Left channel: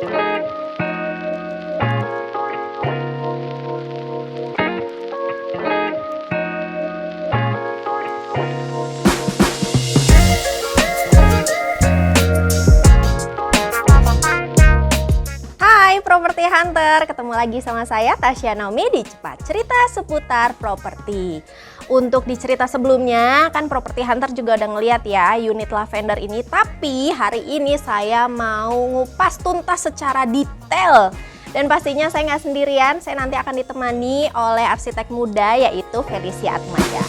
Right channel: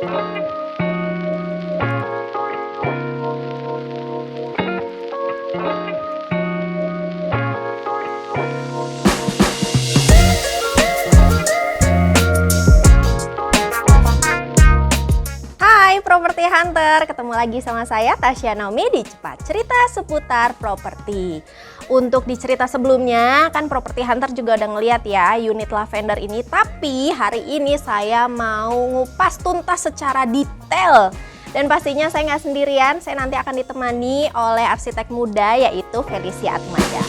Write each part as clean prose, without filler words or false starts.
Hai Property Hunter, ketemu lagi sama saya Tasya Naomi di Cepat Cerita Seputar Properti. Untuk di cerita sebelumnya kan Property Hunter juga udah ngeliat ya unit lavender ini, tapi hari ini saya mau ngupas tuntas secara detail. Dan pastinya saya nggak sendirian, saya nanti akan ditemani oleh arsitek muda yaitu Felicia Atmaja.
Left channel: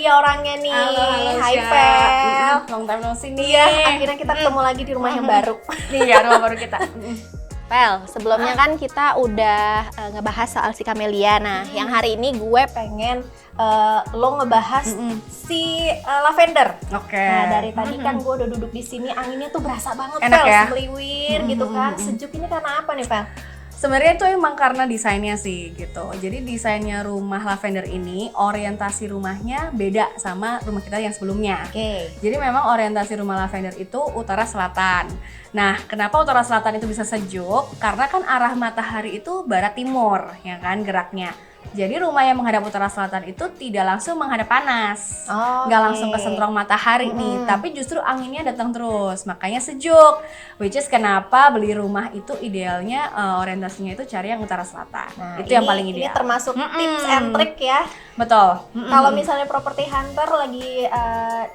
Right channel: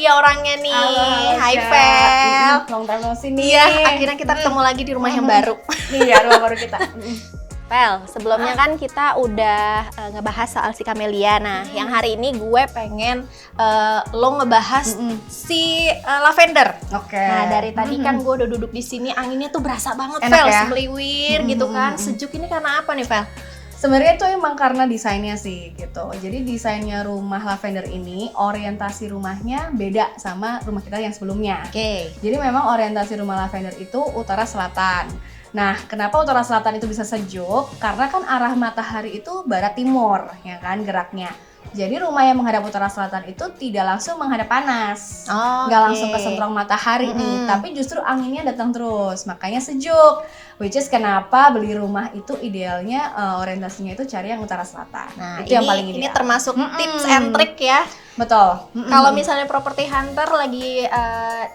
Dia orangnya nih. Halo, Hai Fel. Long time no see nih. Iya, akhirnya kita ketemu lagi di rumah yang baru. Iya, rumah baru kita. Fel, sebelumnya kan kita udah ngebahas soal si Camellia. Nah, yang hari ini gue pengen lo ngebahas si lavender. Oke. Nah, dari tadi kan gue udah duduk di sini, anginnya tuh berasa banget, Enak Fel, ya? semeliwir gitu kan. Sejuk ini karena apa nih, Fel? Sebenarnya itu emang karena desainnya sih gitu. Jadi desainnya rumah lavender ini, orientasi rumahnya beda sama rumah kita yang sebelumnya. Oke. Jadi memang orientasi rumah lavender itu utara selatan. Nah, kenapa utara selatan itu bisa sejuk? Karena kan arah matahari itu barat timur, ya kan geraknya. Jadi rumah yang menghadap utara selatan itu tidak langsung menghadap panas, nggak langsung kesentrong matahari nih, tapi justru anginnya datang terus, makanya sejuk. Which is kenapa beli rumah itu idealnya orientasinya itu cari yang utara selatan. Nah, itu yang paling ideal. Ini termasuk tips and trick ya. Betul. Kalau misalnya property hunter lagi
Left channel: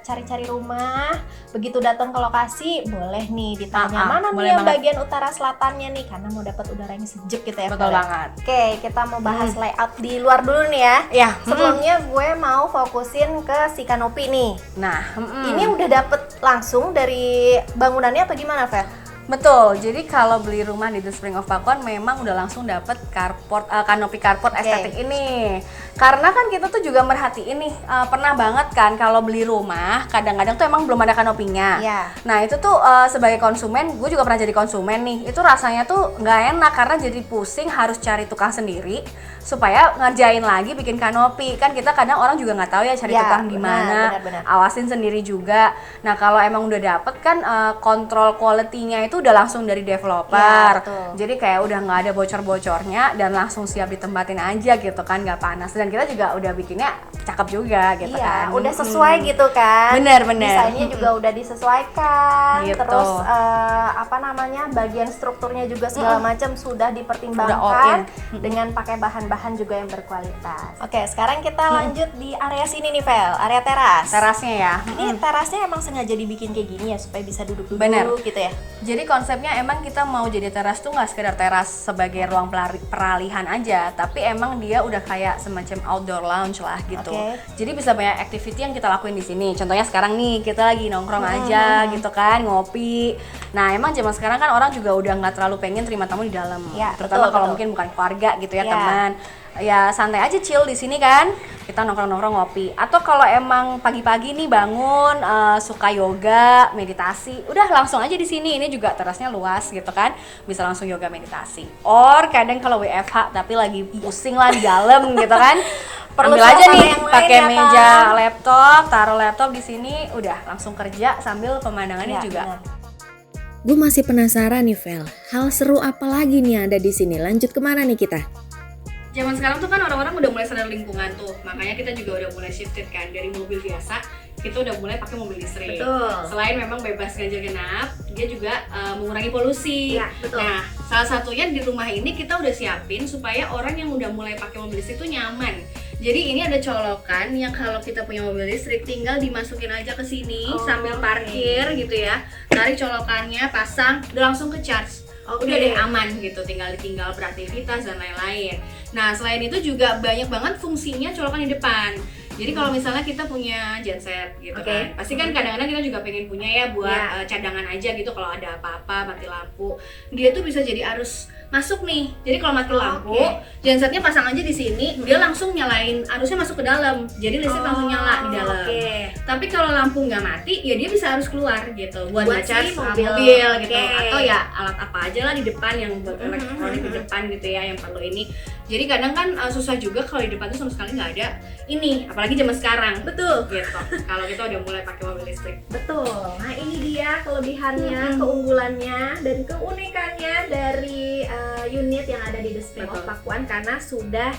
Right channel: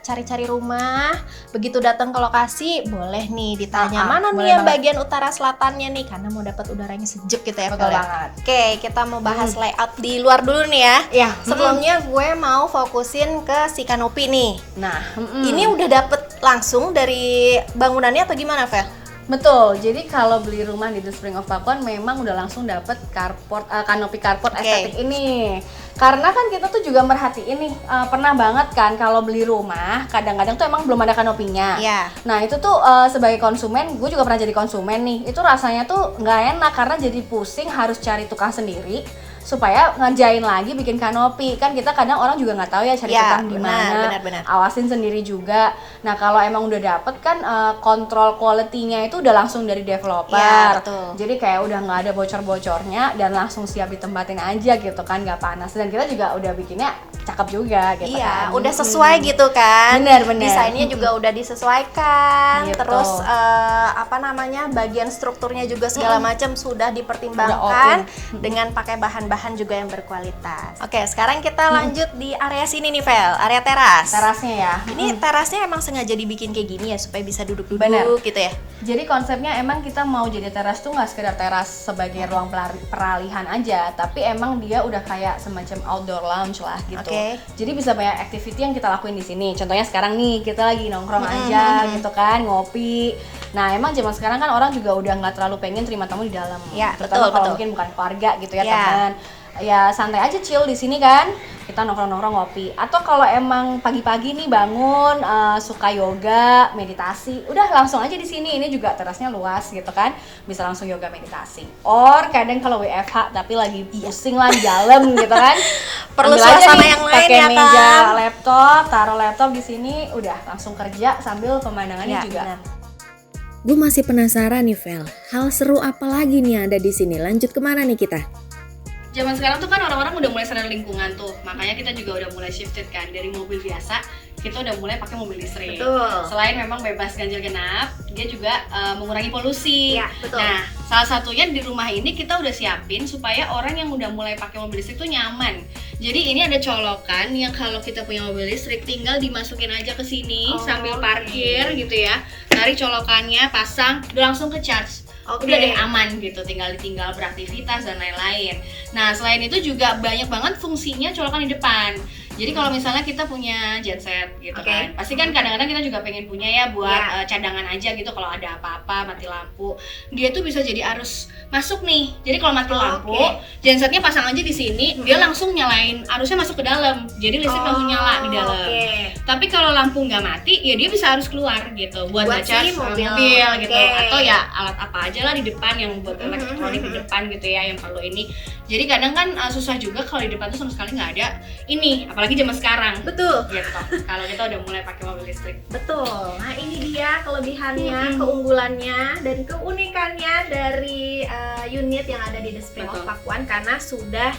cari-cari rumah, begitu datang ke lokasi, boleh nih ditanya mana nih yang bagian utara selatannya nih, karena mau dapat udaranya sejuk gitu ya. Betul banget. Oke, kita mau bahas layout di luar dulu nih ya. Ya. Sebelumnya gue mau fokusin ke si kanopi nih. Nah, ini udah dapet langsung dari bangunannya atau gimana, Fer? betul. Jadi kalau beli rumah di The Spring of Fakon memang udah langsung dapet carport, kanopi carport estetik ini. Karena kan kita tuh juga merhatiin nih, pernah banget kan kalau beli rumah kadang-kadang tuh emang belum ada kanopinya. Iya. Nah itu tuh sebagai konsumen, gue juga pernah jadi konsumen nih. Itu rasanya tuh nggak enak karena jadi pusing harus cari tukang sendiri supaya ngerjain lagi bikin kanopi. Kan kita kadang orang juga nggak tahu ya cari tukang gimana. Benar. Awasin sendiri juga. Nah kalau emang udah dapet kan kontrol quality-nya itu udah langsung dari developer. Ya, betul. Jadi kayak udah nggak ada bocor-bocornya dan langsung siap ditempatin aja gitu kan, nggak panas. Dan kita juga udah bikinnya cakep juga gitu kan. Iya, udah sesuai gitu kan. Bener. Desainnya juga udah disesuaikan. Gitu. Terus bagian strukturnya juga segala macam sudah dipertimbangkan dengan pakai bahan-bahan juga yang berkualitas. Oke, sekarang kita lanjut di area sini nih, Vel. Area teras. Terasnya ya. Ini terasnya emang sengaja dibikin kayak gini ya supaya bisa duduk-duduk gitu ya. Jadi konsepnya emang kita mau jadi teras tuh nggak sekedar teras sebagai ruang peralihan aja, tapi emang dia udah kayak semacam outdoor lounge lah gitu. Jadi bisa banyak activity yang kita lakuin di sini. Contohnya sekarang nih kita lagi nongkrong aja gitu kan, ngopi. Nah emang zaman sekarang kan orang juga udah nggak terlalu pengen terima tamu di dalam. Ya, terutama kalau mungkin bukan keluarga gitu ya, teman. Ya santai aja chill di sini kan. Kita nongkrong ngopi. Atau kalau emang pagi-pagi nih bangun suka yoga, meditasi, udah langsung aja di sini. Ini juga terasnya luas gitu kan. Bisa langsung yoga meditasi. Or kadang kalau WFH tapi lagi pusing lah di dalam gitu kan. Perlu ambil aja nih yang lain pakai ya, meja kan? laptop, taruh laptop di sini, udah langsung kerja sambil pemandangannya juga. Benar. Gue masih penasaran nih, Vel. Hal seru apa lagi nih yang ada di sini? Lanjut kemana nih kita? Zaman sekarang tuh kan orang-orang udah mulai sadar lingkungan tuh, makanya kita juga udah mulai shifted kan dari mobil biasa, kita udah mulai pakai mobil listrik. Betul. Selain memang bebas ganjil genap, dia juga mengurangi polusi. Iya, betul. Nah, salah satunya di rumah ini kita udah siapin supaya orang yang udah mulai pakai mobil listrik tuh nyaman. Jadi ini ada colokan yang kalau kita punya mobil listrik tinggal dimasukin aja ke sini sambil parkir gitu ya. Tarik colokannya, pasang, udah langsung ke charge. Udah deh aman gitu, tinggal beraktivitas dan lain-lain. Nah selain itu juga banyak banget fungsinya colokan di depan. Jadi kalau misalnya kita punya genset gitu kan, pasti kan kadang-kadang kita juga pengen punya ya buat cadangan aja gitu kalau ada apa-apa, mati lampu. Dia tuh bisa jadi arus masuk nih. Jadi kalau mati lampu, gensetnya pasang aja di sini, dia langsung nyalain arusnya masuk ke dalam. Jadi listrik langsung nyala di dalam. Tapi kalau lampu nggak mati, ya dia bisa harus keluar gitu buat Buat ngecas si mobil. gitu, Oke. atau ya alat apa aja lah di depan yang buat elektronik di depan gitu ya yang perlu ini. Jadi kadang kan susah juga kalau di depan tuh sama sekali nggak ada ini, apalagi zaman sekarang. Betul. Gitu. Kalau kita udah mulai pakai mobil listrik. Betul. Nah, ini dia kelebihannya, keunggulannya, dan keunikannya dari unit yang ada di The Spring of Betul. Pakuan karena sudah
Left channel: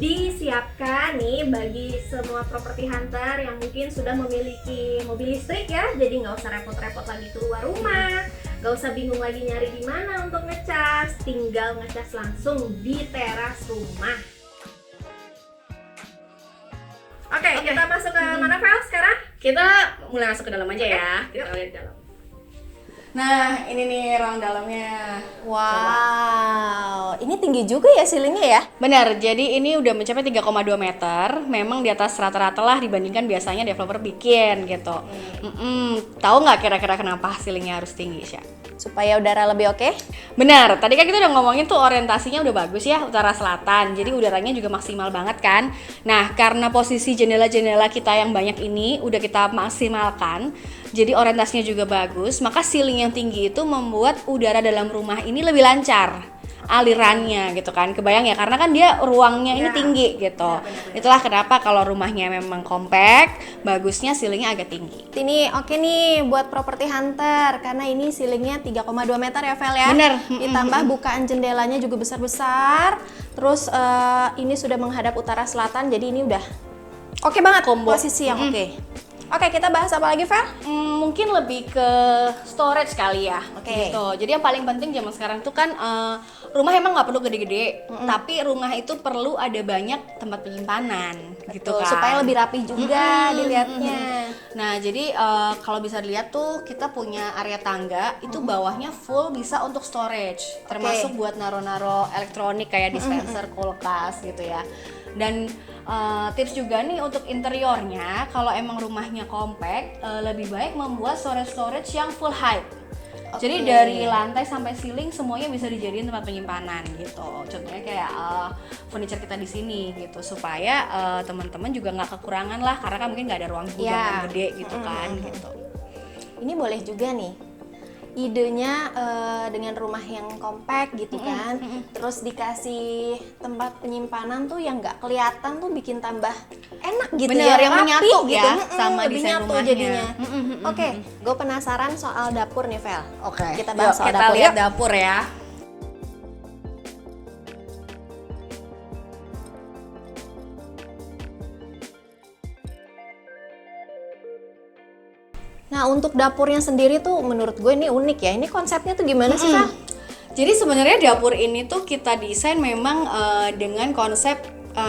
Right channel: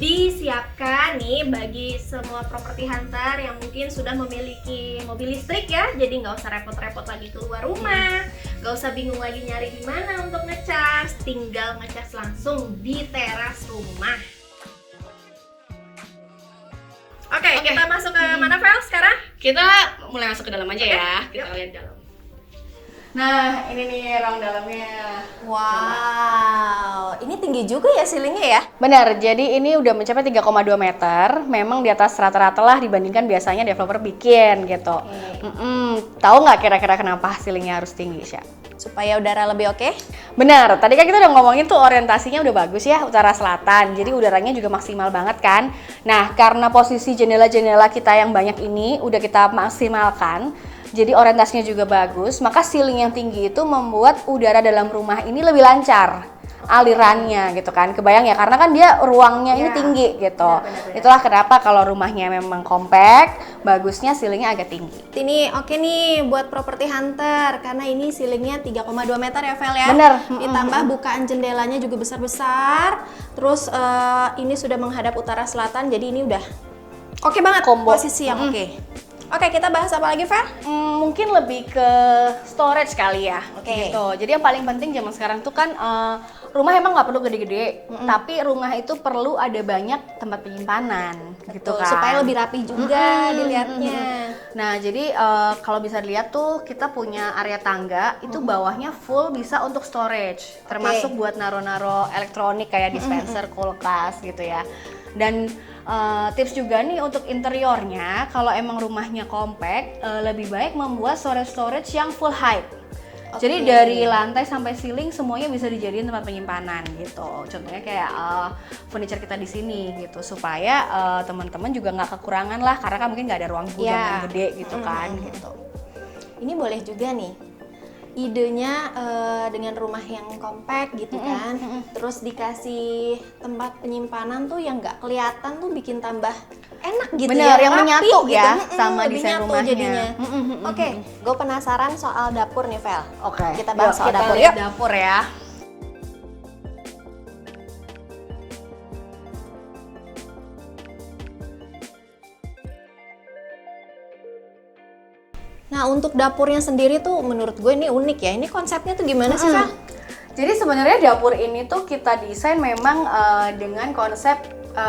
disiapkan nih bagi semua property hunter yang mungkin sudah memiliki mobil listrik ya. Jadi nggak usah repot-repot lagi keluar rumah, nggak usah bingung lagi nyari di mana untuk ngecas, tinggal ngecas langsung di teras rumah. Oke, kita masuk ke mana, Vel, sekarang? Kita mulai masuk ke dalam aja ya. Kita yuk. lihat dalam. Nah, ini nih ruang dalamnya. Wow, ini tinggi juga ya ceilingnya ya? Benar, jadi ini udah mencapai 3,2 meter. Memang di atas rata-rata lah dibandingkan biasanya developer bikin gitu. Tahu nggak kira-kira kenapa ceilingnya harus tinggi, Sya? Supaya udara lebih oke? Benar, tadi kan kita udah ngomongin tuh orientasinya udah bagus ya, utara selatan. Jadi udaranya juga maksimal banget kan. Nah, karena posisi jendela-jendela kita yang banyak ini udah kita maksimalkan, jadi orientasinya juga bagus, maka ceiling yang tinggi itu membuat udara dalam rumah ini lebih lancar alirannya gitu kan. Kebayang ya, karena kan dia ruangnya ini Ya, tinggi gitu. benar-benar. Itulah kenapa kalau rumahnya memang compact, bagusnya ceilingnya agak tinggi. Ini oke nih buat property hunter karena ini ceilingnya 3,2 meter ya, Vel ya. Bener. Ditambah bukaan jendelanya juga besar-besar. Terus ini sudah menghadap utara selatan, jadi ini udah oke banget posisi yang oke. Oke, kita bahas apa lagi, Vel? Mungkin lebih ke storage kali ya. Oke. Gitu. Jadi yang paling penting zaman sekarang tuh kan rumah emang nggak perlu gede-gede, tapi rumah itu perlu ada banyak tempat penyimpanan, gitu kan. Supaya lebih rapi juga dilihatnya. Nah, jadi kalau bisa dilihat tuh kita punya area tangga itu bawahnya full bisa untuk storage, termasuk buat naro-naro elektronik kayak dispenser, kulkas gitu ya. Dan tips juga nih untuk interiornya, kalau emang rumahnya compact, lebih baik membuat storage yang full height. Jadi dari lantai sampai ceiling semuanya bisa dijadiin tempat penyimpanan gitu. Contohnya kayak furniture kita di sini gitu, supaya teman-teman juga nggak kekurangan lah, karena kan mungkin nggak ada ruang gudang yang gede gitu kan. Gitu. Ini boleh juga nih idenya dengan rumah yang compact gitu kan, terus dikasih tempat penyimpanan tuh yang nggak kelihatan tuh bikin tambah enak gitu. Bener, ya, yang rapi menyatu gitu. ya sama lebih desain nyatu rumahnya. jadinya. Oke, gue penasaran soal dapur nih, Vel. Oke. Kita bahas soal kita dapur lihat yuk. dapur ya. Nah, untuk dapurnya sendiri tuh menurut gue ini unik ya. Ini konsepnya tuh gimana sih, Vel? Jadi sebenarnya dapur ini tuh kita desain memang dengan konsep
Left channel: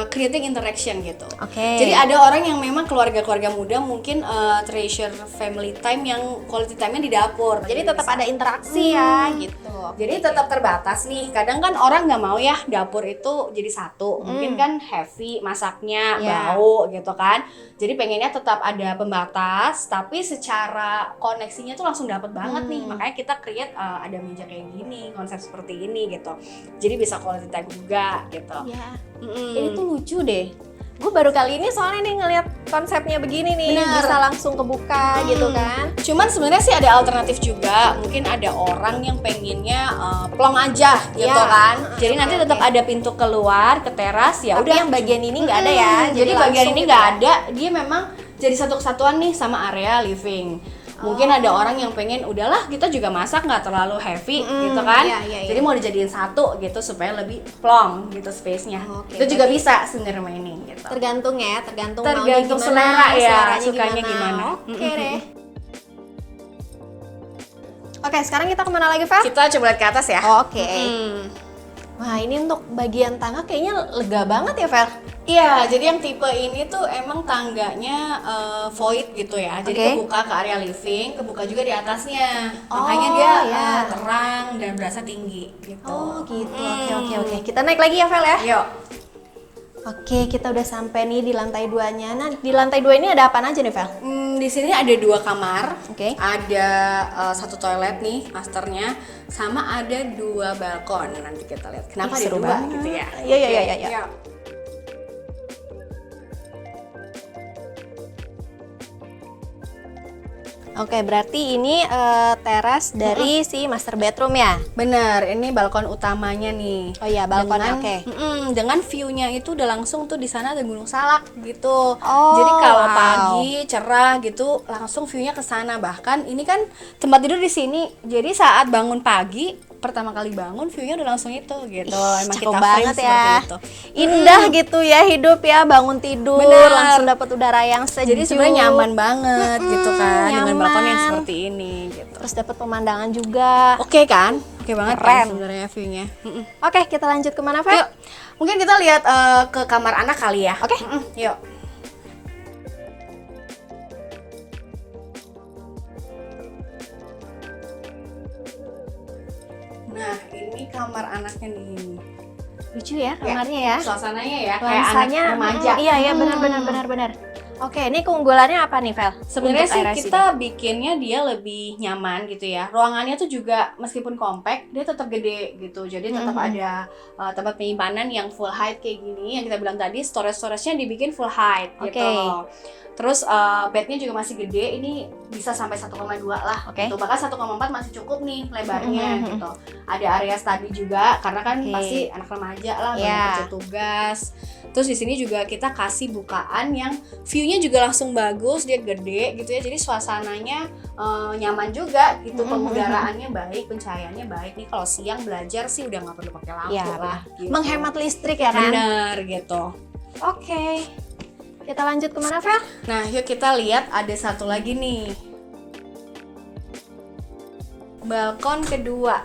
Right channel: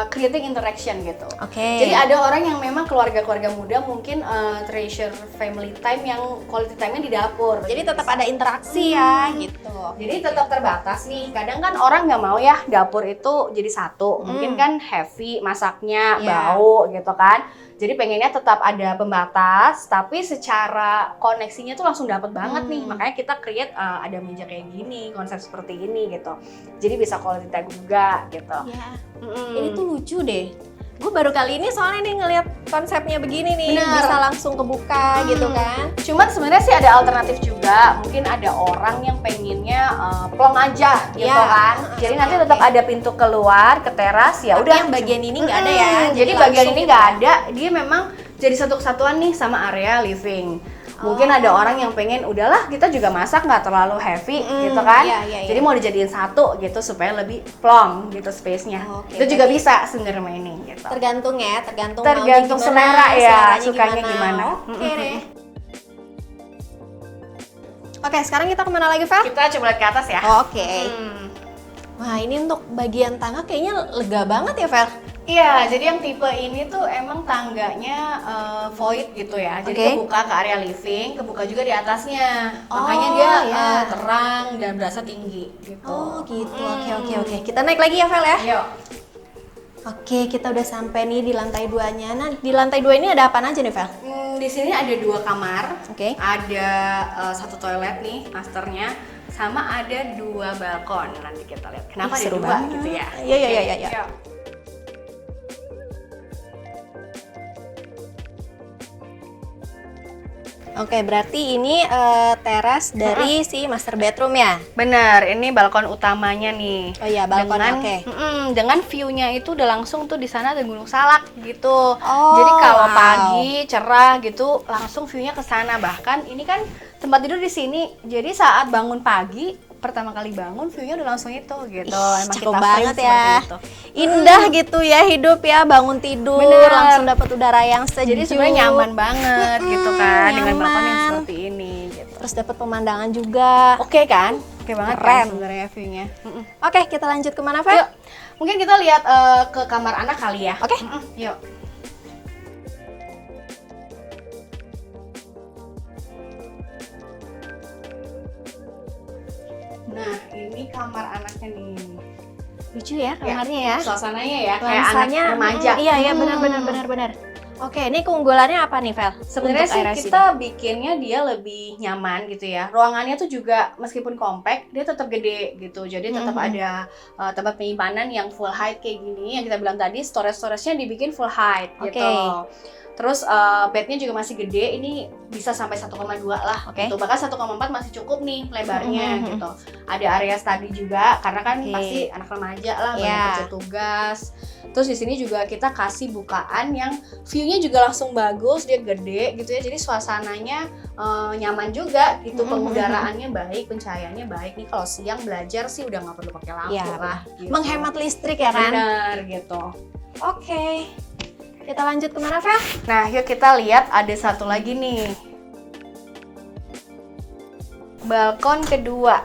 creating interaction gitu. Oke. Jadi ada orang yang memang keluarga-keluarga muda mungkin treasure family time yang quality time-nya di dapur. Jadi tetap ada interaksi ya gitu. Jadi tetap terbatas nih. Kadang kan orang nggak mau ya dapur itu jadi satu. Mungkin kan heavy masaknya, Iya. bau gitu kan. Jadi pengennya tetap ada pembatas, tapi secara koneksinya tuh langsung dapat banget nih. Makanya kita create ada meja kayak gini, konsep seperti ini gitu. Jadi bisa quality time juga gitu. Ya. Mm-mm. Ini tuh lucu deh. Gue baru kali ini soalnya nih ngeliat konsepnya begini nih, Bener. bisa langsung kebuka gitu kan. Cuman sebenarnya sih ada alternatif juga. Mungkin ada orang yang pengennya plong aja gitu Ya. kan. Jadi nanti tetap ada pintu keluar ke teras ya Tapi udah. yang bagian ini nggak ada ya. Jadi bagian langsung ini gitu nggak ya. ada. Dia memang jadi satu kesatuan nih sama area living. Mungkin ada orang yang pengen udahlah kita juga masak nggak terlalu heavy gitu kan. iya, iya, Jadi iya. mau dijadiin satu gitu supaya lebih plong gitu space-nya. Oke, Itu juga berarti bisa sebenarnya ini gitu. Tergantung ya, tergantung Tergantung maunya selera gimana, ya, seleranya sukanya gimana. Oke deh. Oke, sekarang kita kemana lagi, Vel? Kita coba lihat ke atas ya. Oke. Wah, ini untuk bagian tangga kayaknya lega banget ya, Vel? Iya, jadi yang tipe ini tuh emang tangganya void gitu ya. Jadi Oke. kebuka ke area living, kebuka juga di atasnya. Oh, Makanya dia ya. terang dan berasa tinggi gitu. Oh, gitu. Oke. Kita naik lagi ya, Vel ya? Yuk. Oke, kita udah sampai nih di lantai 2-nya. Nah, di lantai 2 ini ada apa aja nih, Vel? Di sini ada 2 kamar. Oke. Ada 1 toilet nih, masternya, sama ada 2 balkon. Nanti kita lihat kenapa ada Seru 2 banget. gitu ya. Iya. Yuk. Oke, berarti ini teras dari si master bedroom ya? Bener, ini balkon utamanya nih. Oh iya, balkonnya, Dengan- oke. Dengan view-nya itu udah langsung tuh di sana ada Gunung Salak gitu. Oh, Jadi kalau wow. pagi cerah gitu, langsung view-nya ke sana. Bahkan ini kan tempat tidur di sini. Jadi saat bangun pagi, pertama kali bangun view-nya udah langsung itu gitu. Ih, Emang cakep kita banget frame ya. seperti itu. Indah gitu ya hidup ya, bangun tidur Bener. langsung dapat udara yang sejuk. Jadi sebenarnya nyaman banget gitu kan dengan balkon yang nyaman. seperti ini gitu. Terus dapat pemandangan juga. Oke kan? Oke banget Keren. kan sebenarnya view-nya. Oke, kita lanjut kemana, Fel? Yuk, mungkin kita lihat ke kamar anak kali ya. Oke. Yuk. Nah, ini kamar anaknya nih. Lucu ya kamarnya ya. Suasananya ya Nuansanya, kayak anak remaja. iya iya benar. Oke, ini keunggulannya apa nih, Vel? Sebenarnya Untuk sih area sini? kita bikinnya dia lebih nyaman gitu ya. Ruangannya tuh juga meskipun compact, dia tetap gede gitu. Jadi tetap ada tempat penyimpanan yang full height kayak gini. Yang kita bilang tadi storage-nya dibikin full height gitu. Oke. Terus bednya juga masih gede, ini bisa sampai 1,2 lah. Oke. Gitu. Bahkan 1,4 masih cukup nih lebarnya Mhm. gitu. Ada area study juga karena kan Oke. pasti anak remaja lah banyak Iya. kerja tugas. Terus di sini juga kita kasih bukaan yang view-nya juga langsung bagus, dia gede gitu ya. Jadi suasananya nyaman juga gitu, pengudaraannya baik, pencahayaannya baik. Nih kalau siang belajar sih udah nggak perlu pakai lampu Iya, lah. Gitu. Menghemat listrik ya kan? Benar gitu. Oke. Kita lanjut kemana, Fel? Nah, yuk kita lihat ada satu lagi nih. Balkon kedua.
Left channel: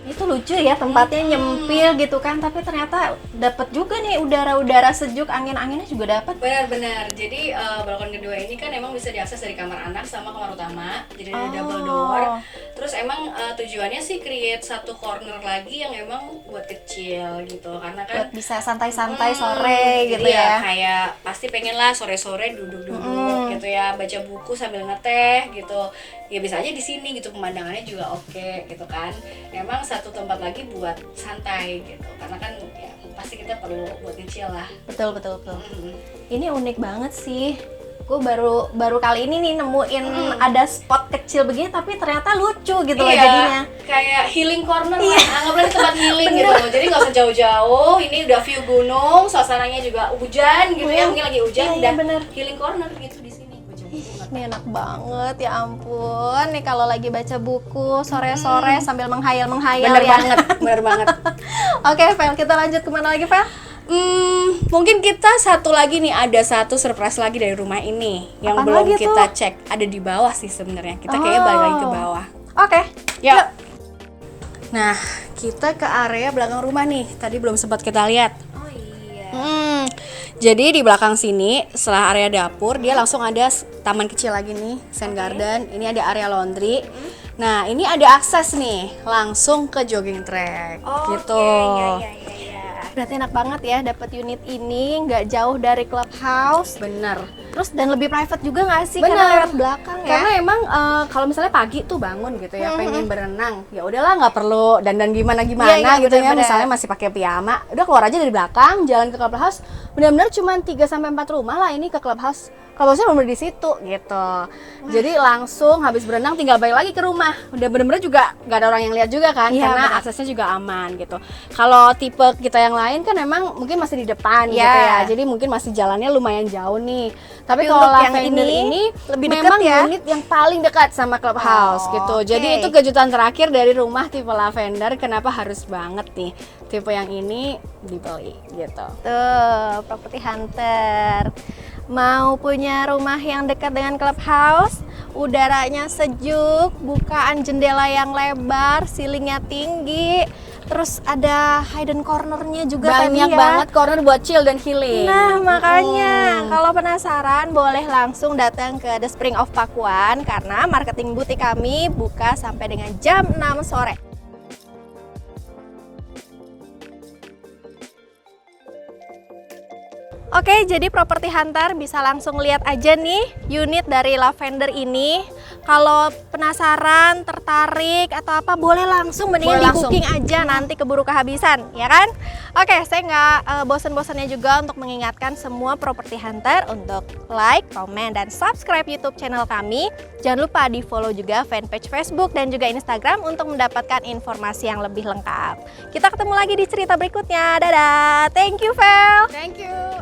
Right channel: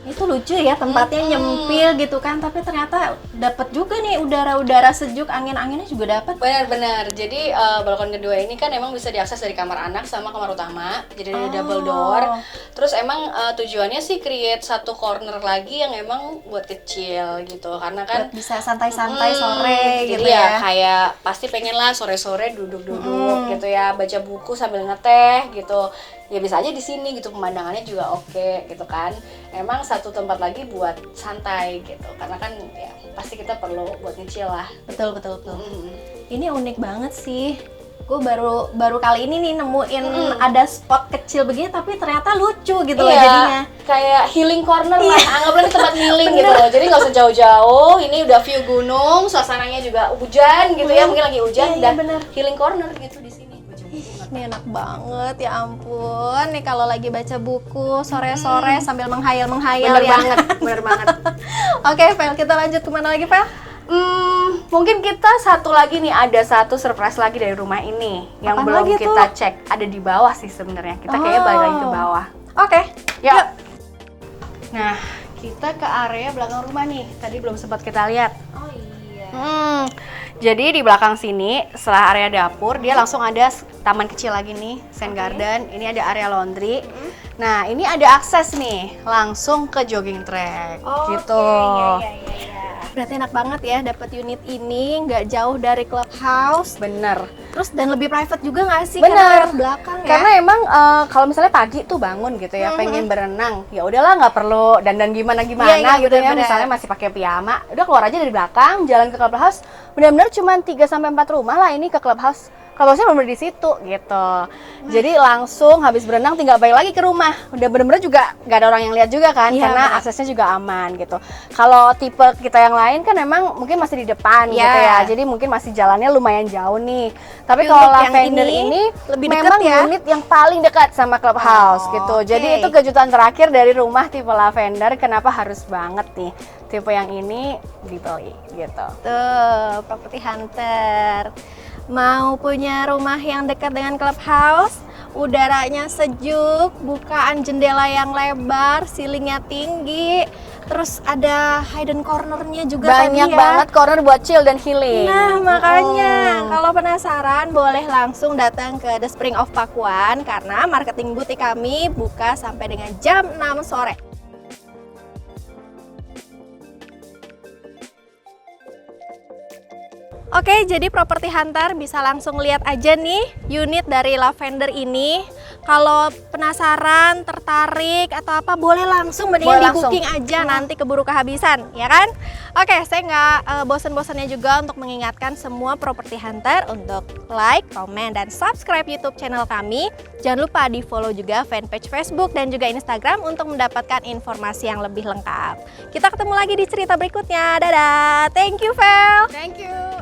Itu lucu ya, tempatnya nyempil gitu kan, tapi ternyata dapat juga nih udara-udara sejuk, angin-anginnya juga dapat. Benar-benar. Jadi balkon kedua ini kan emang bisa diakses dari kamar anak sama kamar utama. Jadi ada double door. Terus emang tujuannya sih create satu corner lagi yang emang buat kecil gitu. Karena kan Buat bisa santai-santai sore gitu jadi ya. kayak pasti pengen lah sore-sore duduk-duduk gitu ya, baca buku sambil ngeteh gitu. Ya bisa aja di sini gitu, pemandangannya juga oke gitu kan. Emang satu tempat lagi buat santai gitu. Karena kan ya pasti kita perlu buat kecil lah. Betul. Ini unik banget sih. Gue baru kali ini nih nemuin ada spot kecil begini tapi ternyata lucu gitu loh Iya, jadinya. kayak healing corner lah, anggaplah ini tempat healing gitu. Jadi nggak usah jauh-jauh, ini udah view gunung, suasananya juga hujan gitu ya, mungkin lagi hujan Iya, dan bener. healing corner gitu di sini. Ini enak banget, ya ampun. Nih kalau lagi baca buku sore-sore sambil menghayal-menghayal Bener ya. banget, bener banget. Oke, Vel, kita lanjut kemana lagi, Vel? Mungkin kita satu lagi nih, ada satu surprise lagi dari rumah ini yang Apaan belum lagi kita tuh? cek. Ada di bawah sih sebenarnya. Kita kayaknya balik lagi ke bawah. Oke, Yuk. Nah, kita ke area belakang rumah nih. Tadi belum sempat kita lihat. Oh iya. Jadi di belakang sini, setelah area dapur, dia langsung ada taman kecil lagi nih, Sen Garden. Ini ada area laundry. Nah, ini ada akses nih, langsung ke jogging track, gitu. Iya. Berarti enak banget ya dapat unit ini, nggak jauh dari clubhouse. Bener. Terus dan lebih private juga nggak sih? Bener. Karena lewat belakang ya. Karena emang kalau misalnya pagi tuh bangun gitu ya, pengen berenang, ya udahlah nggak perlu dandan gimana Iya, gitu ya. bener-bener. Misalnya masih pakai piyama, udah keluar aja dari belakang, jalan ke clubhouse. Benar-benar cuma 3-4 rumah lah ini ke clubhouse. Clubhouse-nya bener di situ gitu. Jadi langsung habis berenang tinggal balik lagi ke rumah. Udah bener-bener juga nggak ada orang yang lihat juga kan, Iya, karena bener. aksesnya juga aman gitu. Kalau tipe kita yang lain kan memang mungkin masih di depan Iya. gitu ya. Jadi mungkin masih jalannya lumayan jauh nih. Tapi Tapi kalau untuk yang Lavender ini ini lebih dekat memang ya? unit yang paling dekat sama clubhouse Oh, gitu. oke. Jadi itu kejutan terakhir dari rumah tipe Lavender. Kenapa harus banget nih tipe yang ini dibeli gitu. Tuh, Property Hunter. Mau punya rumah yang dekat dengan clubhouse, udaranya sejuk, bukaan jendela yang lebar, ceilingnya tinggi, terus ada hidden cornernya juga tadi Banyak ya. banget corner buat chill dan healing. Nah, makanya kalau penasaran boleh langsung datang ke The Spring of Pakuan karena marketing butik kami buka sampai dengan jam 6 sore. Oke, jadi Property Hunter bisa langsung lihat aja nih unit dari Lavender ini. Kalau penasaran, tertarik atau apa, boleh langsung mendingan Boleh di booking aja, nanti keburu kehabisan, ya kan? Oke, saya nggak bosan-bosannya juga untuk mengingatkan semua properti hunter untuk like, komen, dan subscribe YouTube channel kami. Jangan lupa di follow juga fanpage Facebook dan juga Instagram untuk mendapatkan informasi yang lebih lengkap. Kita ketemu lagi di cerita berikutnya. Dadah, thank you Vel. Thank you.